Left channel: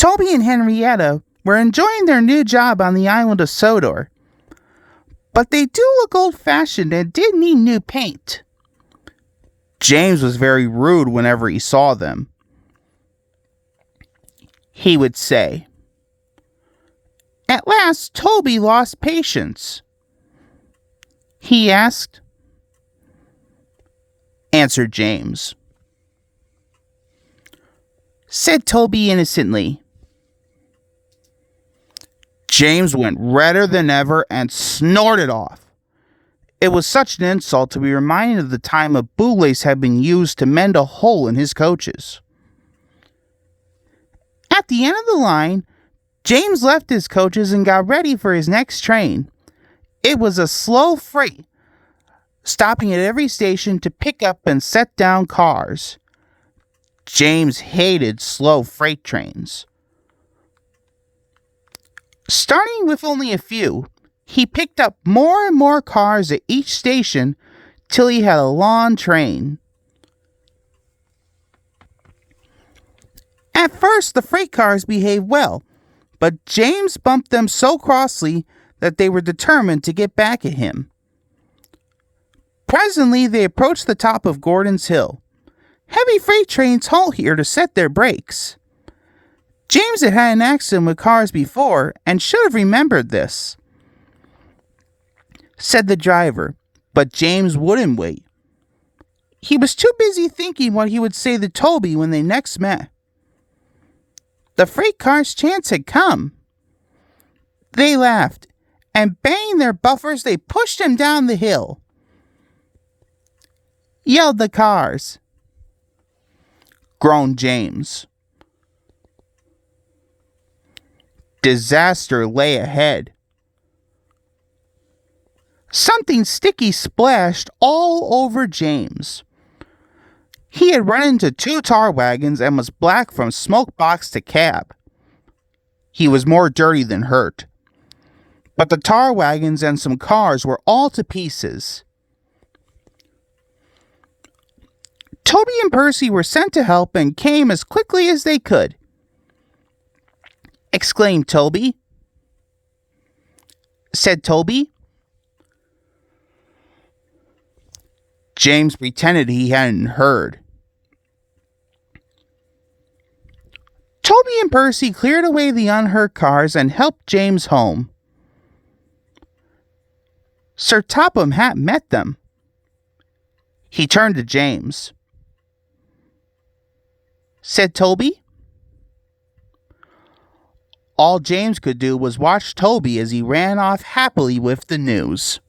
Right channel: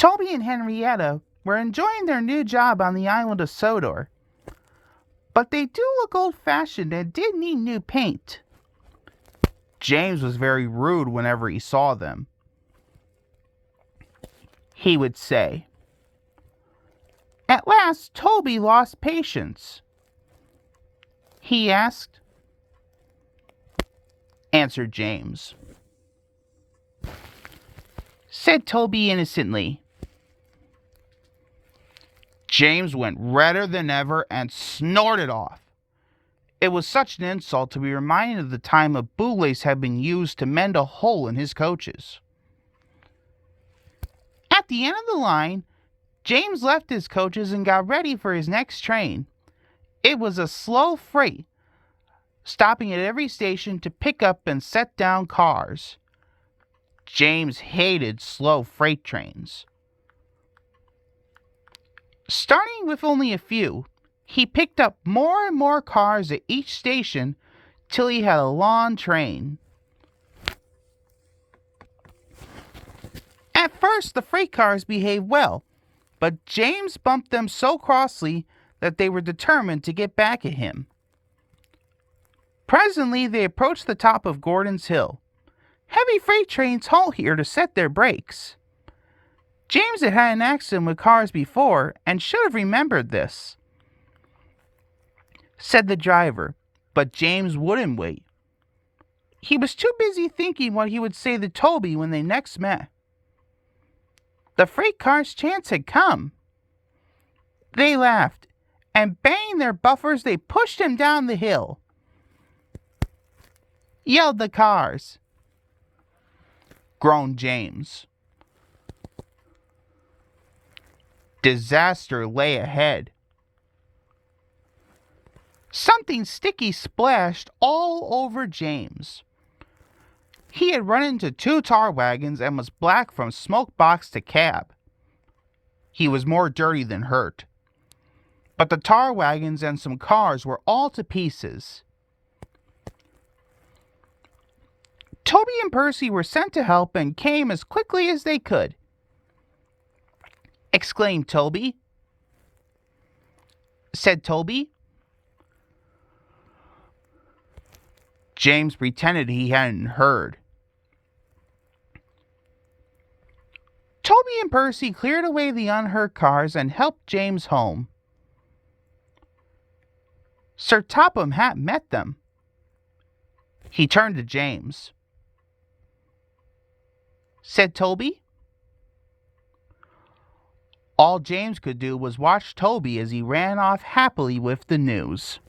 Toby and Henrietta were enjoying their new job on the island of Sodor, but they do look old-fashioned and did need new paint. James was very rude whenever he saw them. He would say, "At last Toby lost patience." He asked. Answered James. Said Toby innocently. James went redder than ever and snorted off. It was such an insult to be reminded of the time a bootlace had been used to mend a hole in his coaches. At the end of the line, James left his coaches and got ready for his next train. It was a slow freight, stopping at every station to pick up and set down cars. James hated slow freight trains. Starting with only a few, he picked up more and more cars at each station till he had a long train. At first, the freight cars behaved well, but James bumped them so crossly that they were determined to get back at him. Presently, they approached the top of Gordon's Hill. Heavy freight trains halt here to set their brakes. James had had an accident with cars before and should have remembered this. Said the driver, but James wouldn't wait. He was too busy thinking what he would say to Toby when they next met. The freight car's chance had come. They laughed, and banging their buffers, they pushed him down the hill. Yelled the cars. Groaned James. Disaster lay ahead. Something sticky splashed all over James. He had run into 2 tar wagons and was black from smoke box to cab. He was more dirty than hurt. But the tar wagons and some cars were all to pieces. Toby and Percy were sent to help and came as quickly as they could. Exclaimed Toby. Said Toby. James pretended he hadn't heard. Toby and Percy cleared away the unhurt cars and helped James home. Sir Topham Hatt met them. He turned to James. Said Toby. All James could do was watch Toby as he ran off happily with the news.